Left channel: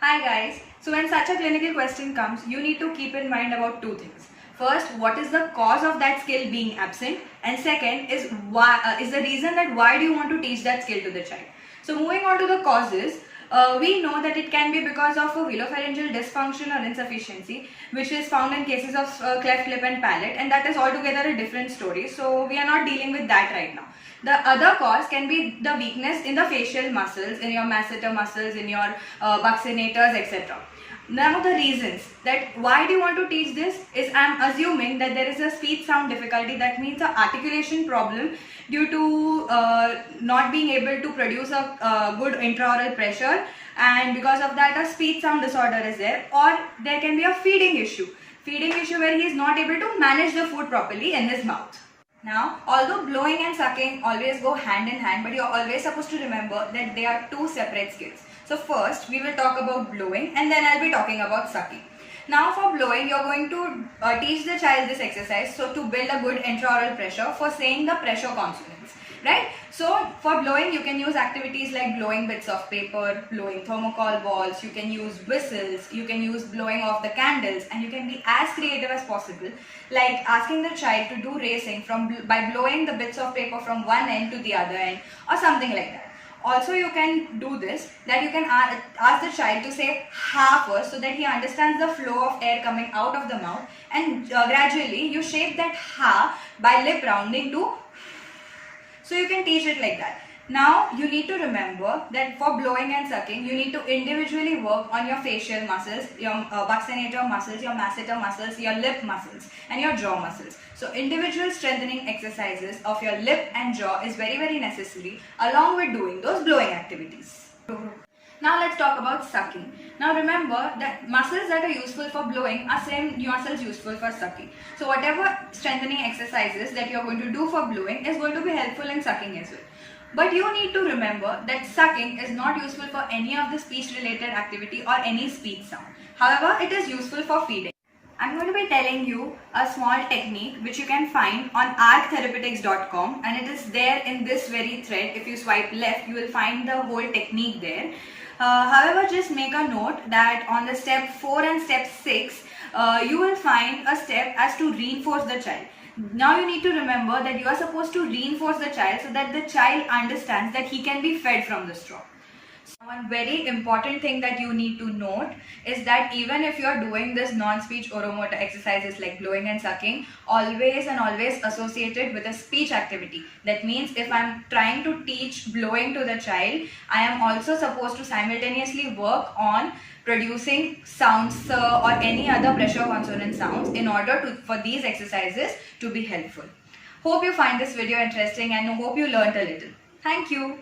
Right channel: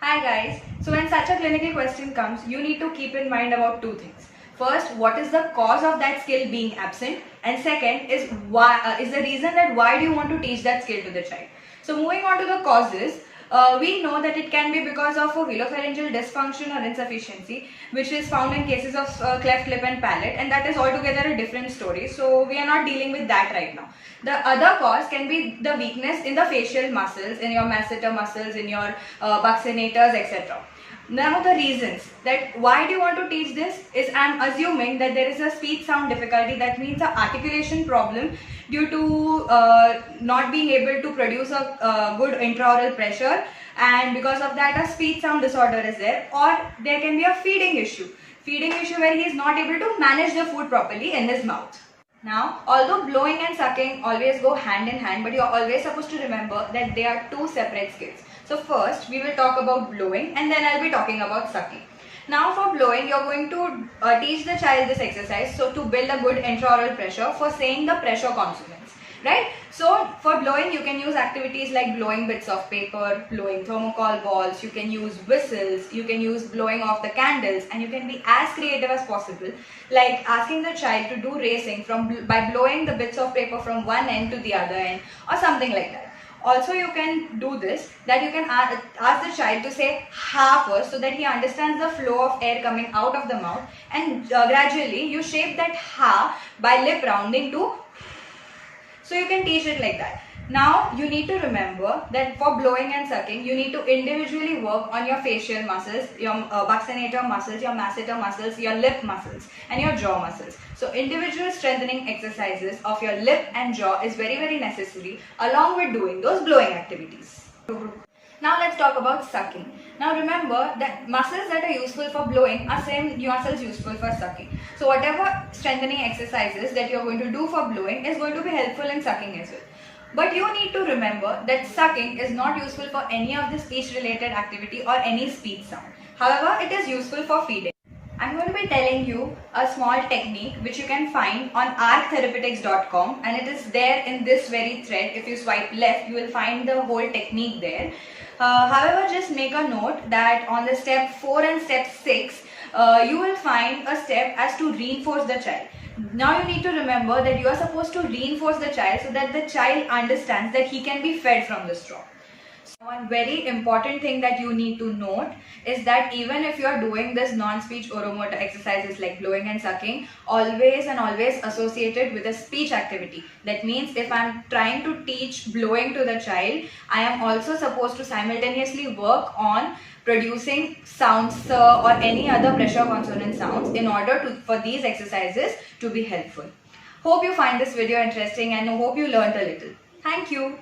Hi guys. So when such a clinical question comes, you need to keep in mind about two things. First, what is the cause of that skill being absent, and second is is the reason that why do you want to teach that skill to the child. So moving on to the causes, we know that it can be because of a velopharyngeal dysfunction or insufficiency, which is found in cases of cleft lip and palate, and that is altogether a different story. So we are not dealing with that right now. The other cause can be the weakness in the facial muscles, in your masseter muscles, in your buccinators, etc. Now the reasons that why do you want to teach this is I'm assuming that there is a speech sound difficulty, that means an articulation problem due to not being able to produce a good intraoral pressure, and because of that a speech sound disorder is there, or there can be a feeding issue where he is not able to manage the food properly in his mouth. Now, although blowing and sucking always go hand in hand, but you're always supposed to remember that they are two separate skills. So first, we will talk about blowing and then I'll be talking about sucking. Now for blowing, you're going to teach the child this exercise so to build a good intraoral pressure for saying the pressure consonants, right? So for blowing, you can use activities like blowing bits of paper, blowing thermocol balls, you can use whistles, you can use blowing off the candles, and you can be as creative as possible, like asking the child to do racing by blowing the bits of paper from one end to the other end or something like that. Also, you can do this, that you can ask the child to say ha first so that he understands the flow of air coming out of the mouth, and gradually you shape that ha by lip rounding to. So you can teach it like that. Now you need to remember that for blowing and sucking, you need to individually work on your facial muscles, your buccinator muscles, your masseter muscles, your lip muscles and your jaw muscles. So individual strengthening exercises of your lip and jaw is very necessary along with doing those blowing activities. Now let's talk about sucking. Now remember that muscles that are useful for blowing are same muscles useful for sucking. So whatever strengthening exercises that you're going to do for blowing is going to be helpful in sucking as well. But you need to remember that sucking is not useful for any of the speech related activity or any speech sound. However, it is useful for feeding. I'm going to be telling you a small technique which you can find on ArkTherapeutics.com, and it is there in this very thread. If you swipe left, you will find the whole technique there. However, just make a note that on the step 4 and step 6, you will find a step as to reinforce the child. Now you need to remember that you are supposed to reinforce the child so that the child understands that he can be fed from the straw. So one very important thing that you need to note is that even if you are doing this non-speech oromotor exercises like blowing and sucking, always associated with a speech activity. That means if I am trying to teach blowing to the child, I am also supposed to simultaneously work on producing sounds or any other pressure consonant sounds in order for these exercises to be helpful. Hope you find this video interesting and hope you learned a little. Thank you.